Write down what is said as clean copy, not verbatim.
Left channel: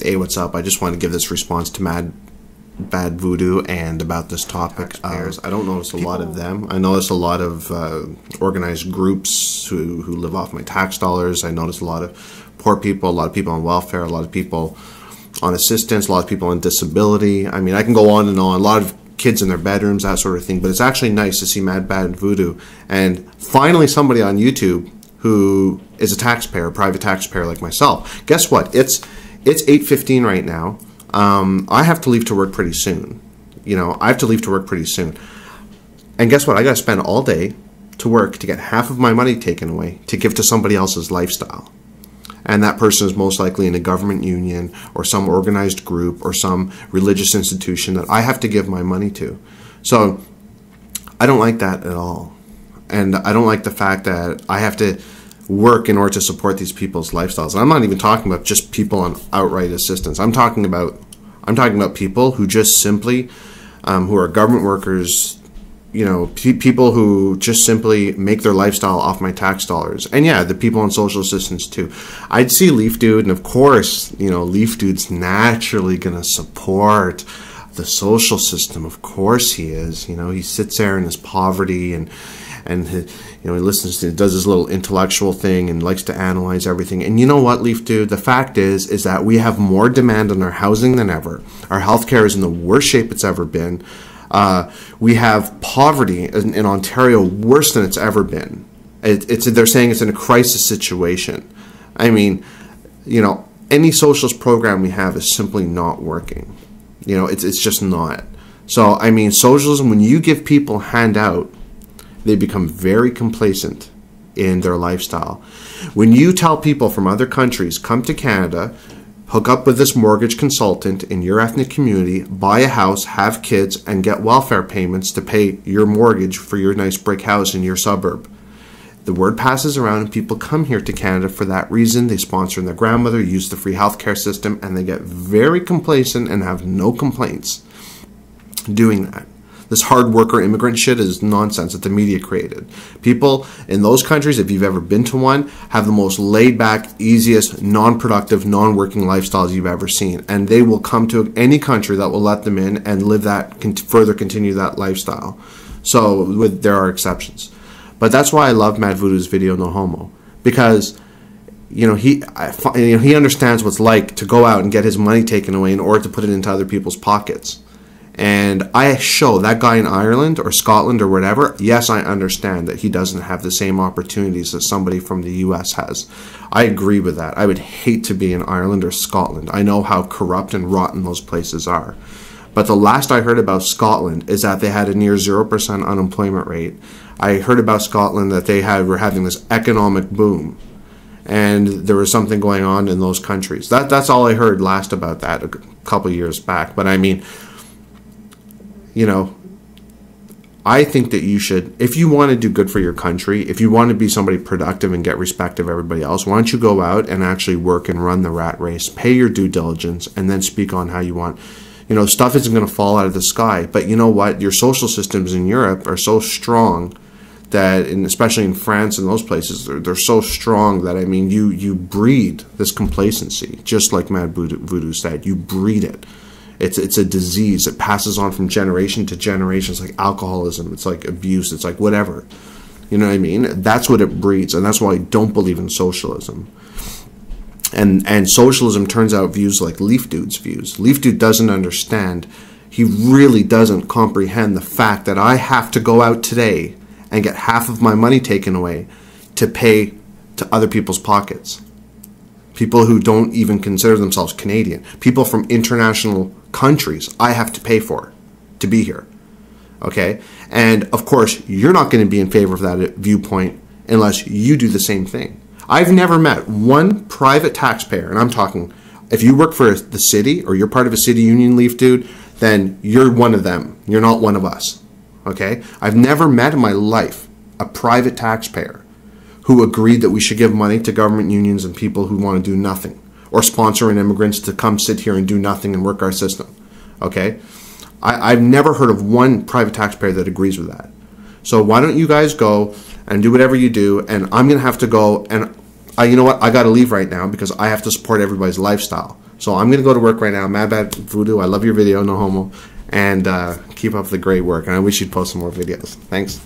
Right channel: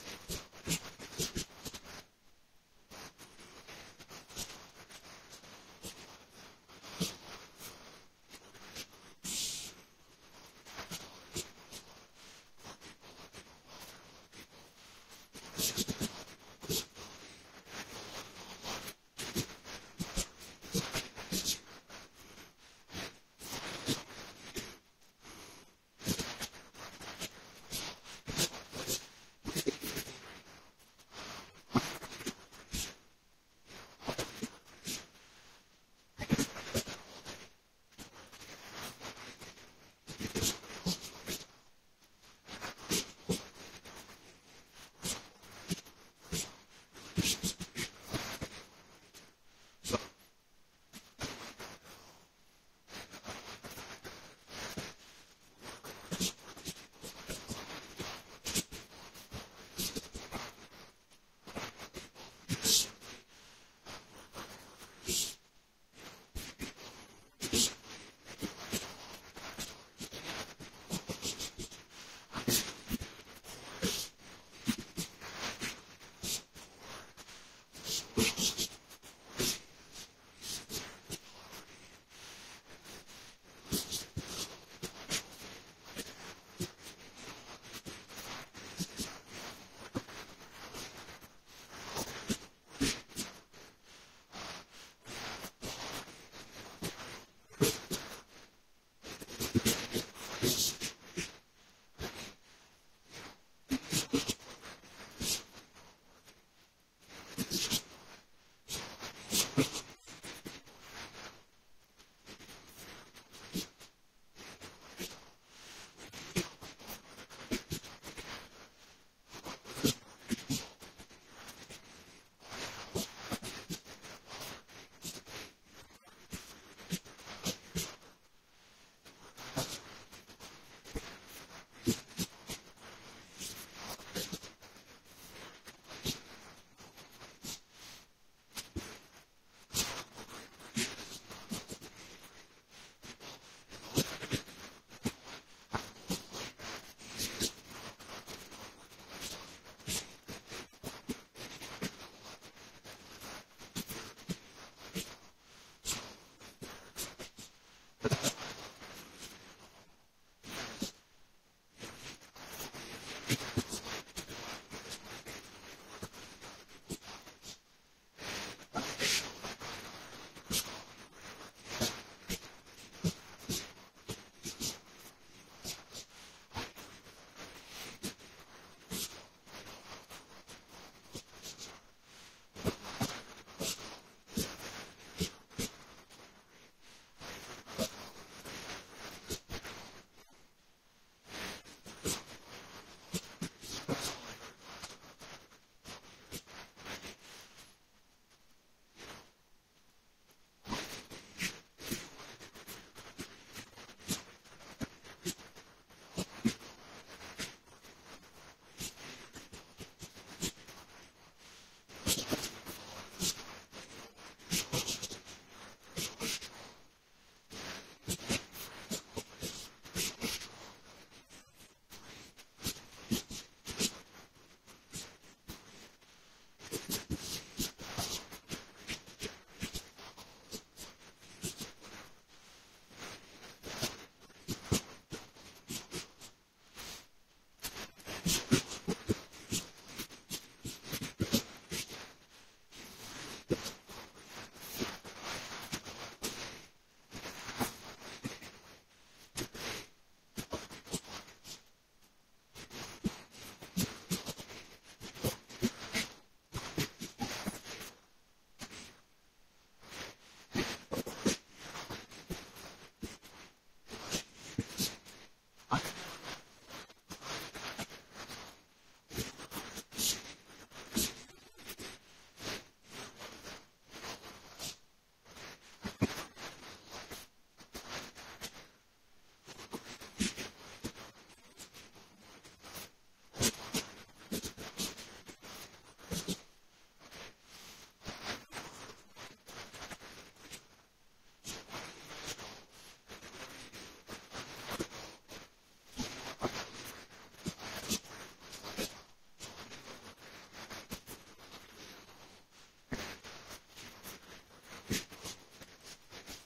Hey, what's up? I just want to give this response to Madbadvoodo and about this topic. I don't notice a lot of them. I notice a lot of organized groups who live off my tax dollars. I notice a lot of poor people, a lot of people on welfare, a lot of people on assistance, a lot of people on disability. I mean, I can go on and on. A lot of kids in their bedrooms, that sort of thing. But it's actually nice to see Madbadvoodo and finally somebody on YouTube who is a taxpayer, a private taxpayer like myself. Guess what? It's 8:15 right now. I have to leave to work pretty soon. I have to leave to work pretty soon. And guess what? I got to spend all day to work to get half of my money taken away to give to somebody else's lifestyle. And that person is most likely in a government union or some organized group or some religious institution that I have to give my money to. So I don't like that at all. And I don't like the fact that I have to work in order to support these people's lifestyles. And I'm not even talking about just people on outright assistance. I'm talking about people who just simply, who are government workers, people who just simply make their lifestyle off my tax dollars. And yeah, the people on social assistance too. I'd see Leaf Dude, and of course, Leaf Dude's naturally gonna support the social system. Of course he is. He sits there in his poverty and he listens to, does his little intellectual thing and likes to analyze everything. And you know what, Leaf Dude? The fact is that we have more demand on our housing than ever. Our healthcare is in the worst shape it's ever been. We have poverty in Ontario worse than it's ever been. They're saying it's in a crisis situation. I mean, any socialist program we have is simply not working. It's just not. So, I mean, socialism, when you give people a handout, they become very complacent in their lifestyle. When you tell people from other countries, come to Canada, hook up with this mortgage consultant in your ethnic community, buy a house, have kids, and get welfare payments to pay your mortgage for your nice brick house in your suburb. The word passes around and people come here to Canada for that reason. They sponsor their grandmother, use the free healthcare system, and they get very complacent and have no complaints doing that. This hard worker immigrant shit is nonsense that the media created. People in those countries, if you've ever been to one, have the most laid back, easiest, non-productive, non-working lifestyles you've ever seen. And they will come to any country that will let them in and live that, further continue that lifestyle. So there are exceptions. But that's why I love Madbadvoodo's video, No Homo. Because he understands what it's like to go out and get his money taken away in order to put it into other people's pockets. And I show that guy in Ireland or Scotland or whatever, yes, I understand that he doesn't have the same opportunities that somebody from the US has. I agree with that. I would hate to be in Ireland or Scotland. I know how corrupt and rotten those places are. But the last I heard about Scotland is that they had a near 0% unemployment rate. I heard about Scotland that they were having this economic boom. And there was something going on in those countries. That's all I heard last about that a couple years back. But I mean, I think that you should, if you want to do good for your country, if you want to be somebody productive and get respect of everybody else, why don't you go out and actually work and run the rat race, pay your due diligence, and then speak on how you want. Stuff isn't going to fall out of the sky, but you know what? Your social systems in Europe are so strong that, and especially in France and those places, they're so strong that, I mean, you breed this complacency, just like Madbadvoodo said. You breed it. It's a disease. It passes on from generation to generation. It's like alcoholism. It's like abuse. It's like whatever. You know what I mean? That's what it breeds, and that's why I don't believe in socialism. And socialism turns out views like Leaf Dude's views. Leaf Dude doesn't understand. He really doesn't comprehend the fact that I have to go out today and get half of my money taken away to pay to other people's pockets. People who don't even consider themselves Canadian. People from international countries I have to pay for to be here. Okay? And of course, you're not going to be in favor of that viewpoint unless you do the same thing. I've never met one private taxpayer, and I'm talking, if you work for the city or you're part of a city union, Leaf Dude, then you're one of them. You're not one of us. Okay? I've never met in my life a private taxpayer who agreed that we should give money to government unions and people who want to do nothing, or sponsoring immigrants to come sit here and do nothing and work our system. Okay? I've never heard of one private taxpayer that agrees with that. So why don't you guys go and do whatever you do, and I'm going to have to go, and you know what? I got to leave right now because I have to support everybody's lifestyle. So I'm going to go to work right now. Madbadvoodo, I love your video, no homo. And keep up the great work. And I wish you'd post some more videos. Thanks.